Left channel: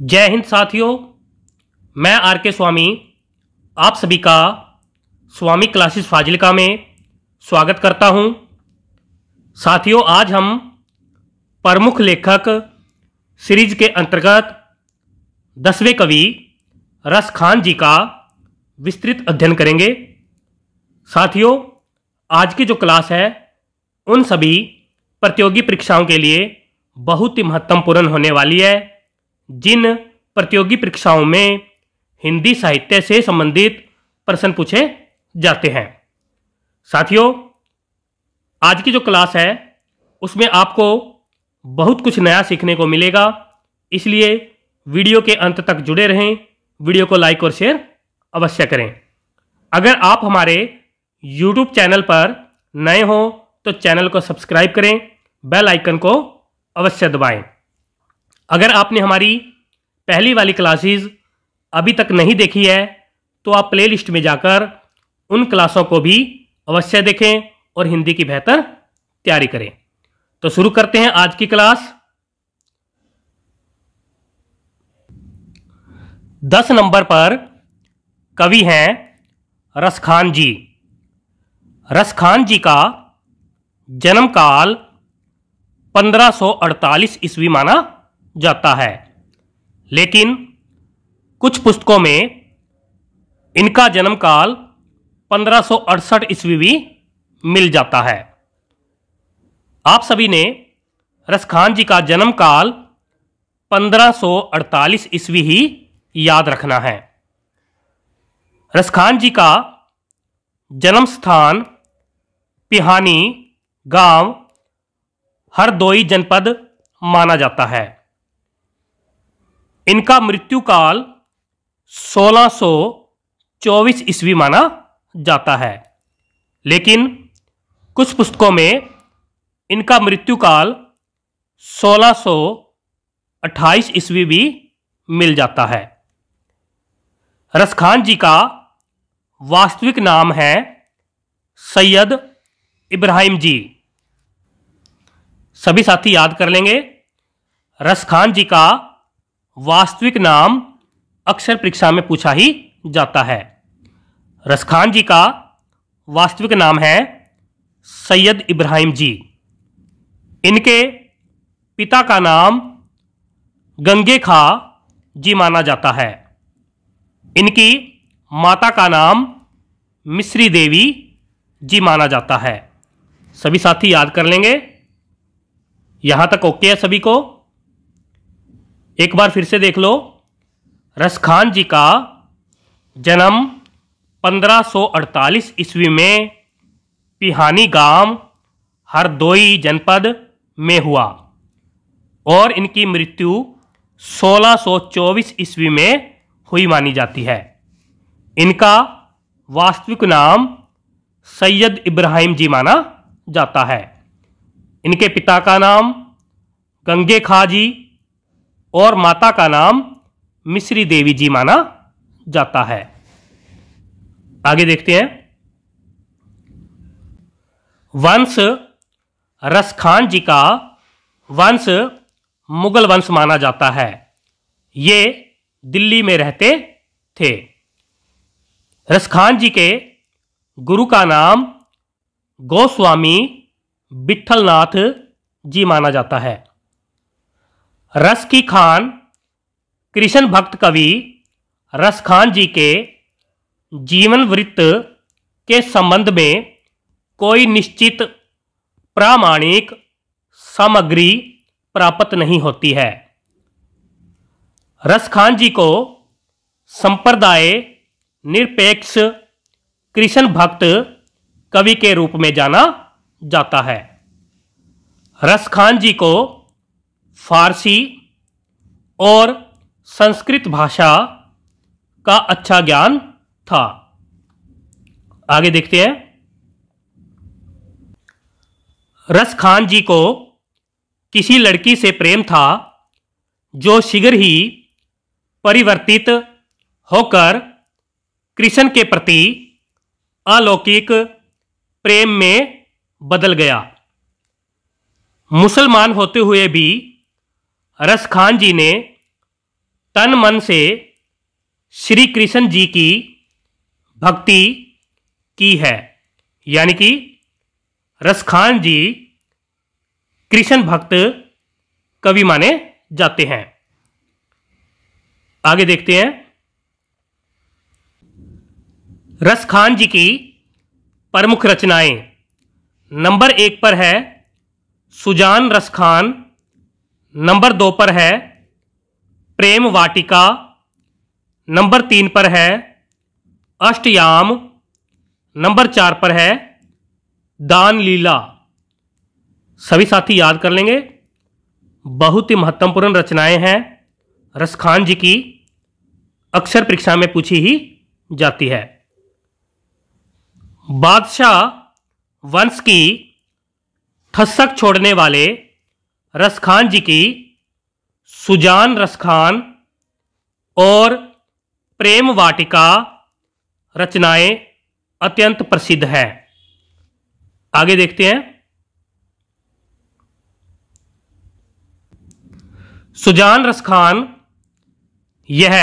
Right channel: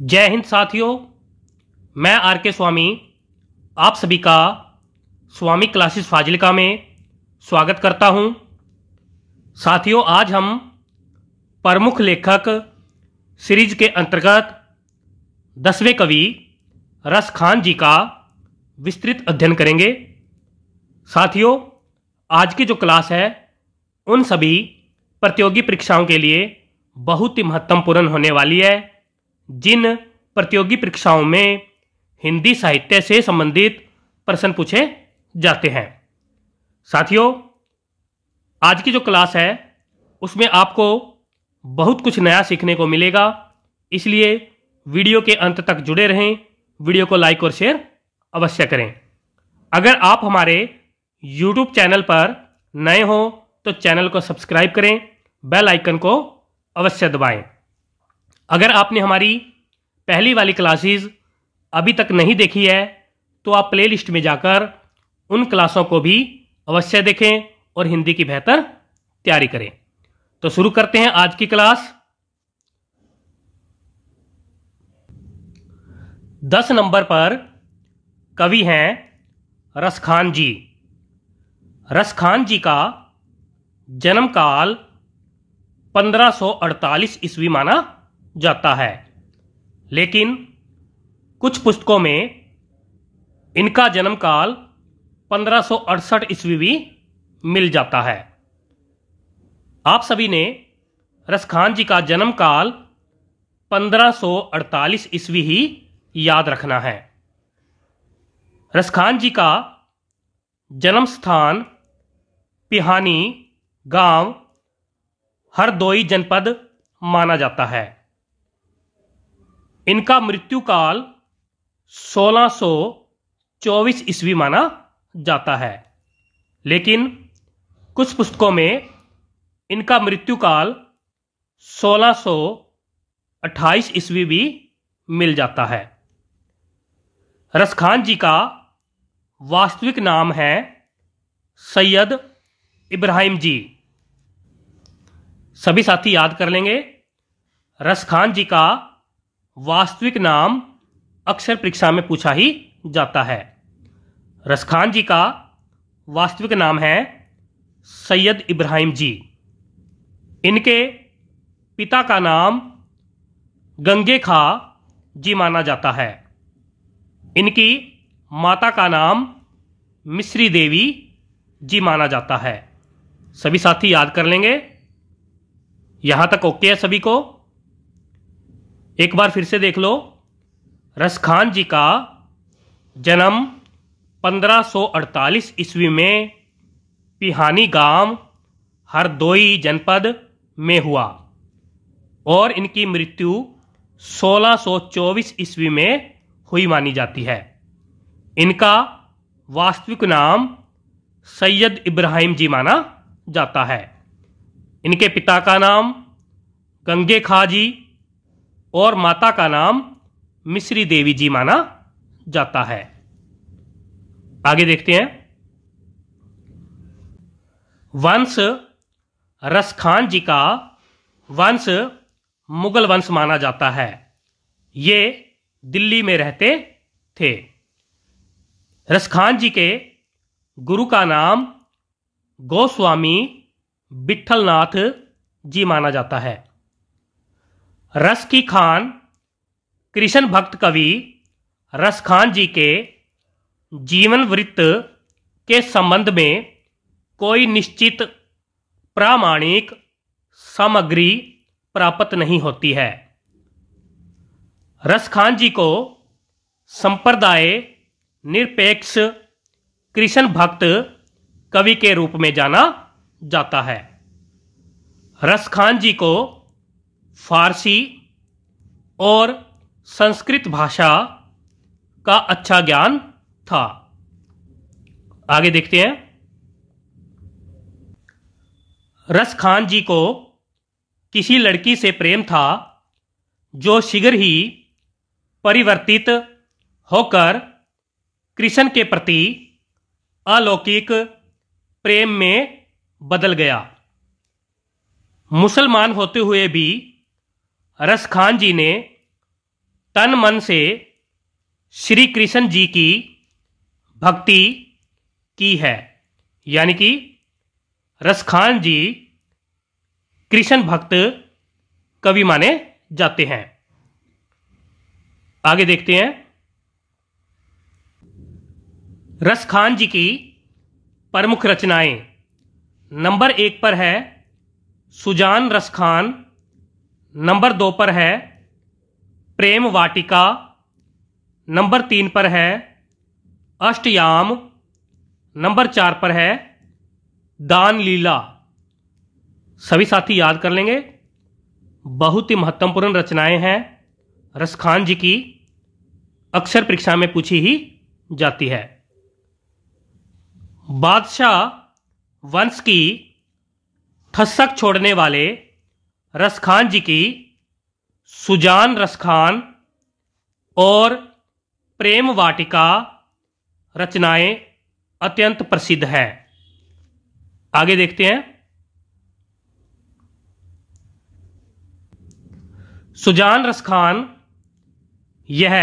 जय हिंद साथियों, मैं आर के स्वामी आप सभी का स्वामी क्लासेस फाजिल्का में स्वागत करता हूं। साथियों, आज हम प्रमुख लेखक सीरीज के अंतर्गत 10वें कवि रस खान जी का विस्तृत अध्ययन करेंगे। साथियों, आज की जो क्लास है उन सभी प्रतियोगी परीक्षाओं के लिए बहुत ही महत्वपूर्ण होने वाली है, जिन प्रतियोगी परीक्षाओं में हिंदी साहित्य से संबंधित प्रश्न पूछे जाते हैं। साथियों, आज की जो क्लास है उसमें आपको बहुत कुछ नया सीखने को मिलेगा, इसलिए वीडियो के अंत तक जुड़े रहें। वीडियो को लाइक और शेयर अवश्य करें। अगर आप हमारे YouTube चैनल पर नए हो तो चैनल को सब्सक्राइब करें, बेल आइकन को अवश्य दबाएं। अगर आपने हमारी पहली वाली क्लासेस अभी तक नहीं देखी है तो आप प्लेलिस्ट में जाकर उन क्लासों को भी अवश्य देखें और हिंदी की बेहतर तैयारी करें। तो शुरू करते हैं आज की क्लास। 10 नंबर पर कवि हैं रस खान जी। रस खान जी का जन्म काल 1548 ईस्वी माना जाता है, लेकिन कुछ पुस्तकों में इनका जन्म काल 1568 ईस्वी भी मिल जाता है। आप सभी ने रस खान जी का जन्म काल 1548 ईस्वी ही याद रखना है। रस खान जी का जन्म स्थान पिहानी गांव हरदोई जनपद माना जाता है। इनका मृत्यु काल 1624 ईस्वी माना जाता है, लेकिन कुछ पुस्तकों में इनका मृत्यु काल 1628 ईस्वी भी मिल जाता है। रस खान जी का वास्तविक नाम है सैयद इब्राहिम जी। सभी साथी याद कर लेंगे, रस खान जी का वास्तविक नाम अक्सर परीक्षा में पूछा ही जाता है। रस खान जी का वास्तविक नाम है सैयद इब्राहिम जी। इनके पिता का नाम गंगे खा जी माना जाता है। इनकी माता का नाम मिश्री देवी जी माना जाता है। सभी साथी याद कर लेंगे। यहां तक ओके है सभी को? एक बार फिर से देख लो। रस खान जी का जन्म 1548 ईस्वी में पिहानी गांव हरदोई जनपद में हुआ और इनकी मृत्यु 1624 ईस्वी में हुई मानी जाती है। इनका वास्तविक नाम सैयद इब्राहिम जी माना जाता है। इनके पिता का नाम गंगे खा जी और माता का नाम मिश्री देवी जी माना जाता है। आगे देखते हैं। वंश रस खान जी का वंश मुगल वंश माना जाता है। ये दिल्ली में रहते थे। रस खान जी के गुरु का नाम गोस्वामी विठलनाथ जी माना जाता है। रस की खान कृष्ण भक्त कवि रस खान जी के जीवन वृत्त के संबंध में कोई निश्चित प्रामाणिक सामग्री प्राप्त नहीं होती है। रस खान जी को संप्रदाय निरपेक्ष कृष्ण भक्त कवि के रूप में जाना जाता है। रस खान जी को फारसी और संस्कृत भाषा का अच्छा ज्ञान था। आगे देखते हैं। रस खान जी को किसी लड़की से प्रेम था जो शीघ्र ही परिवर्तित होकर कृष्ण के प्रति अलौकिक प्रेम में बदल गया। मुसलमान होते हुए भी रस खान जी ने तन मन से श्री कृष्ण जी की भक्ति की है, यानी कि रसखान जी कृष्ण भक्त कवि माने जाते हैं। आगे देखते हैं। रसखान जी की प्रमुख रचनाएं। नंबर 1 पर है सुजान रसखान, नंबर 2 पर है प्रेम वाटिका, नंबर 3 पर है अष्टयाम, नंबर 4 पर है दान लीला। सभी साथी याद कर लेंगे, बहुत ही महत्वपूर्ण रचनाएं हैं रसखान जी की, अक्सर परीक्षा में पूछी ही जाती है। बादशाह वंश की थसक छोड़ने वाले रसखान जी की सुजान रसखान और प्रेम वाटिका रचनाएं अत्यंत प्रसिद्ध है। आगे देखते हैं। सुजान रसखान यह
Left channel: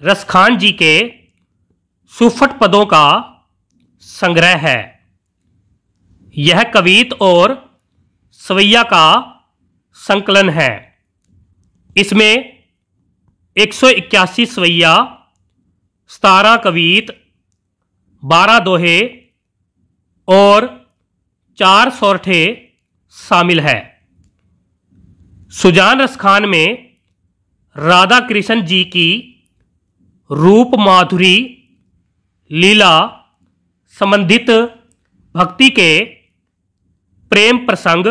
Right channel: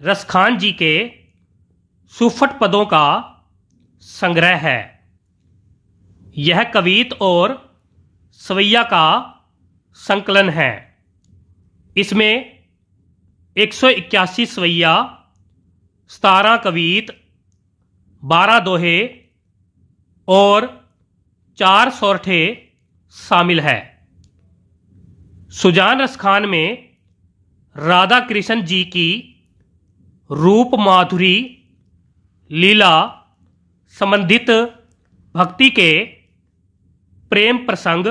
रसखान जी के सुफट पदों का संग्रह है। यह कवित और सवैया का संकलन है। इसमें 181 सवैया, 17 कवित, 12 दोहे और 4 सोरठे शामिल है। सुजान रसखान में राधा कृष्ण जी की रूप माधुरी लीला संबंधित भक्ति के प्रेम प्रसंग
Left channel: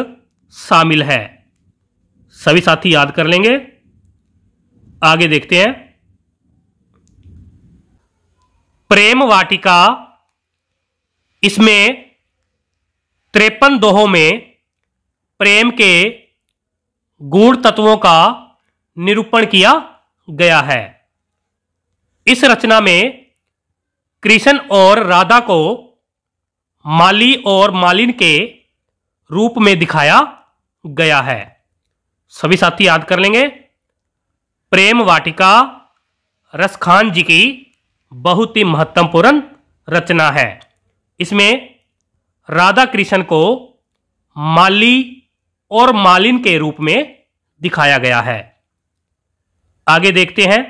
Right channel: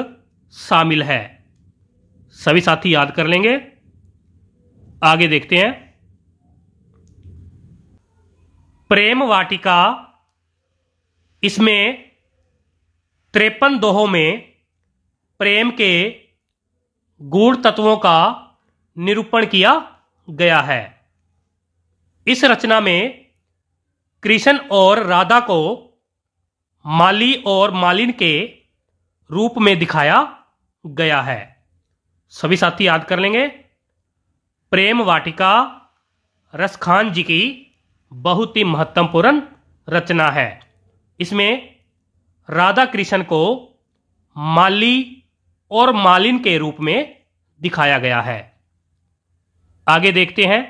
शामिल है। सभी साथी याद कर लेंगे। आगे देखते हैं। प्रेम वाटिका, इसमें 53 दोहों में प्रेम के गूढ़ तत्वों का निरूपण किया गया है। इस रचना में कृष्ण और राधा को माली और मालिन के रूप में दिखाया गया है। सभी साथी याद कर लेंगे। प्रेम वाटिका रसखान जी की बहुत ही महत्वपूर्ण रचना है। इसमें राधा कृष्ण को माली और मालिन के रूप में दिखाया गया है। आगे देखते हैं।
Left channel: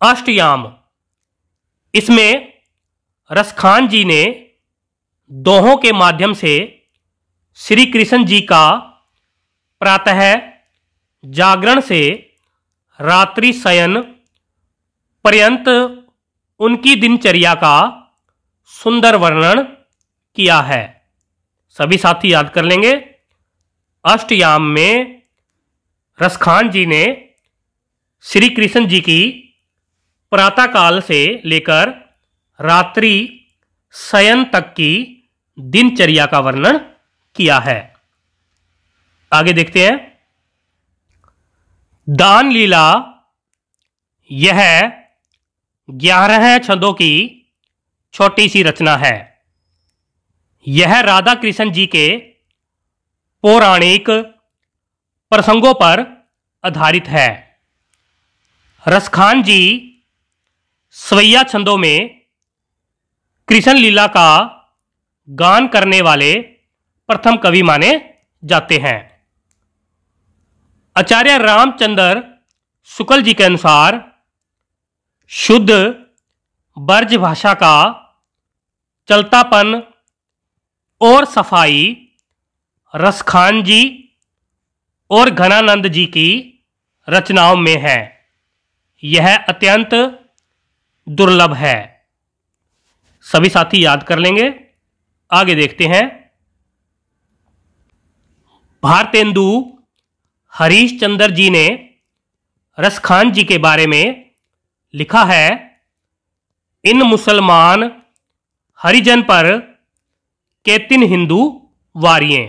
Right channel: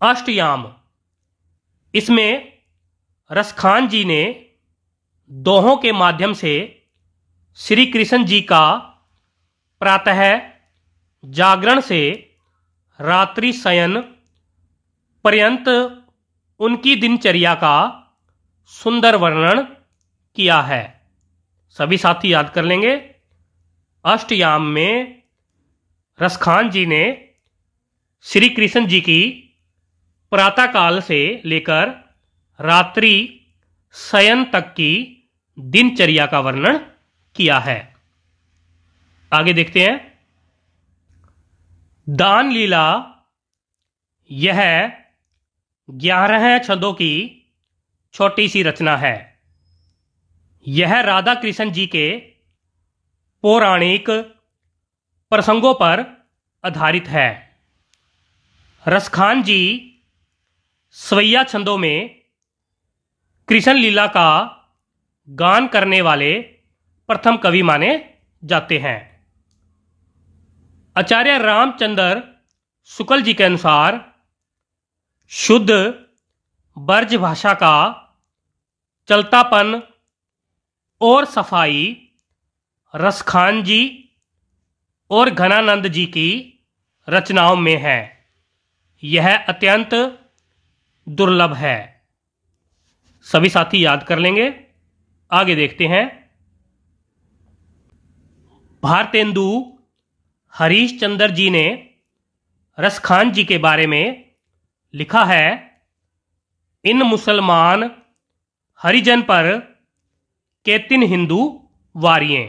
अष्टयाम, इसमें रसखान जी ने दोहों के माध्यम से श्री कृष्ण जी का प्रातः जागरण से रात्रि शयन पर्यंत उनकी दिनचर्या का सुंदर वर्णन किया है। सभी साथी याद कर लेंगे। अष्टयाम में रसखान जी ने श्री कृष्ण जी की प्रातःकाल से लेकर रात्रि शयन तक की दिनचर्या का वर्णन किया है। आगे देखते हैं। दान लीला, यह 11 छंदों की छोटी सी रचना है। यह राधा कृष्ण जी के पौराणिक प्रसंगों पर आधारित है। रसखान जी सवैया छंदों में कृष्ण लीला का गान करने वाले प्रथम कवि माने जाते हैं। आचार्य रामचंद्र शुक्ल जी के अनुसार शुद्ध ब्रज भाषा का चलतापन और सफाई रसखान जी और घनानंद जी की रचनाओं में है। यह अत्यंत दुर्लभ है। सभी साथी याद कर लेंगे। आगे देखते हैं। भारतेंदु हरीशचंद्र जी ने रसखान जी के बारे में लिखा है, इन मुसलमान हरिजन पर केतिन हिंदू वारिये।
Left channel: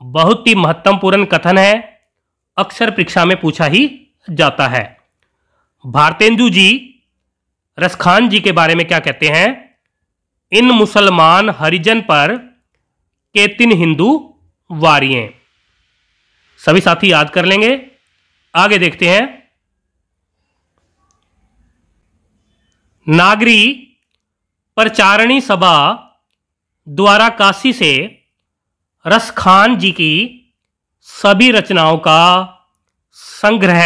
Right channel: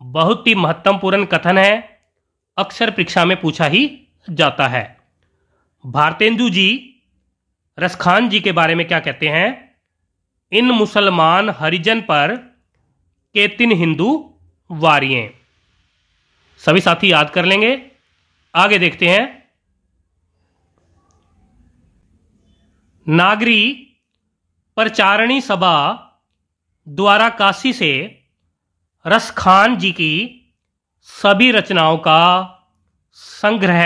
बहुत ही महत्वपूर्ण कथन है, अक्सर परीक्षा में पूछा ही जाता है। भारतेंदु जी रसखान जी के बारे में क्या कहते हैं? इन मुसलमान हरिजन पर केतिन हिंदू वारिये। सभी साथी याद कर लेंगे। आगे देखते हैं। नागरी प्रचारणी सभा द्वारा काशी से रसखान जी की सभी रचनाओं का संग्रह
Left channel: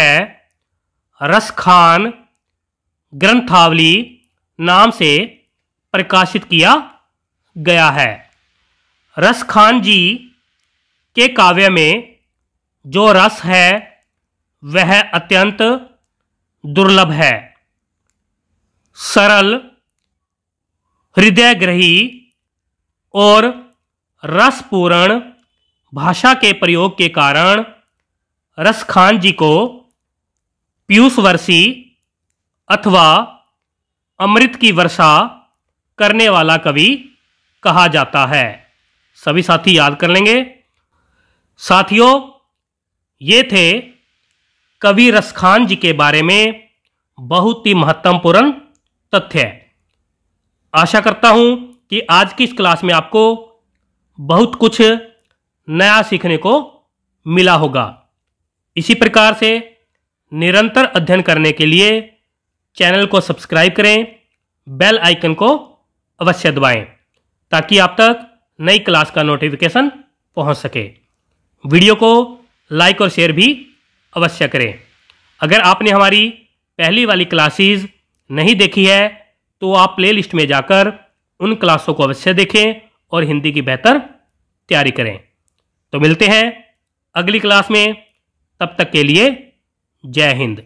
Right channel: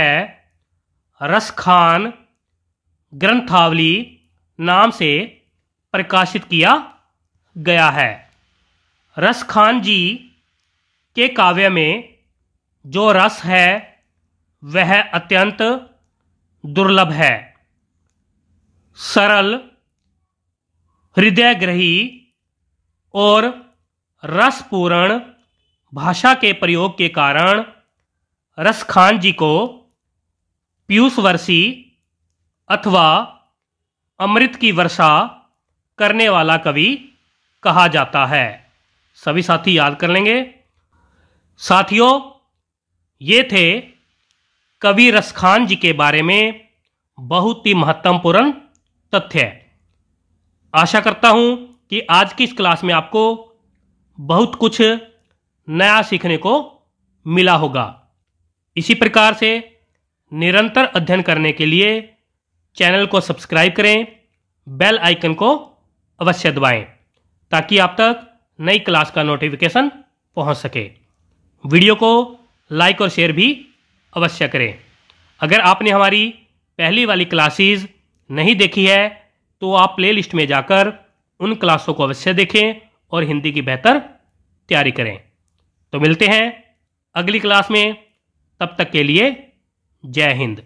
रसखान ग्रंथावली नाम से प्रकाशित किया गया है। रसखान जी के काव्य में जो रस है वह अत्यंत दुर्लभ है। सरल, हृदयग्रही और रसपूर्ण भाषा के प्रयोग के कारण रसखान जी को पीयूषवर्षी अथवा अमृत की वर्षा करने वाला कवि कहा जाता है। सभी साथी याद कर लेंगे। साथियों, ये थे कवि रसखान जी के बारे में बहुत ही महत्वपूर्ण तथ्य। आशा करता हूं कि आज की इस क्लास में आपको बहुत कुछ नया सीखने को मिला होगा। इसी प्रकार से निरंतर अध्ययन करने के लिए चैनल को सब्सक्राइब करें, बेल आइकन को अवश्य दबाएं ताकि आप तक नई क्लास का नोटिफिकेशन पहुंच सके। वीडियो को लाइक और शेयर भी अवश्य करें। अगर आपने हमारी पहली वाली क्लासेस नहीं देखी है तो आप प्लेलिस्ट में जाकर उन क्लासों को अवश्य देखें और हिंदी की बेहतर तैयारी करें। तो मिलते हैं अगली क्लास में, तब तक के लिए जय हिंद।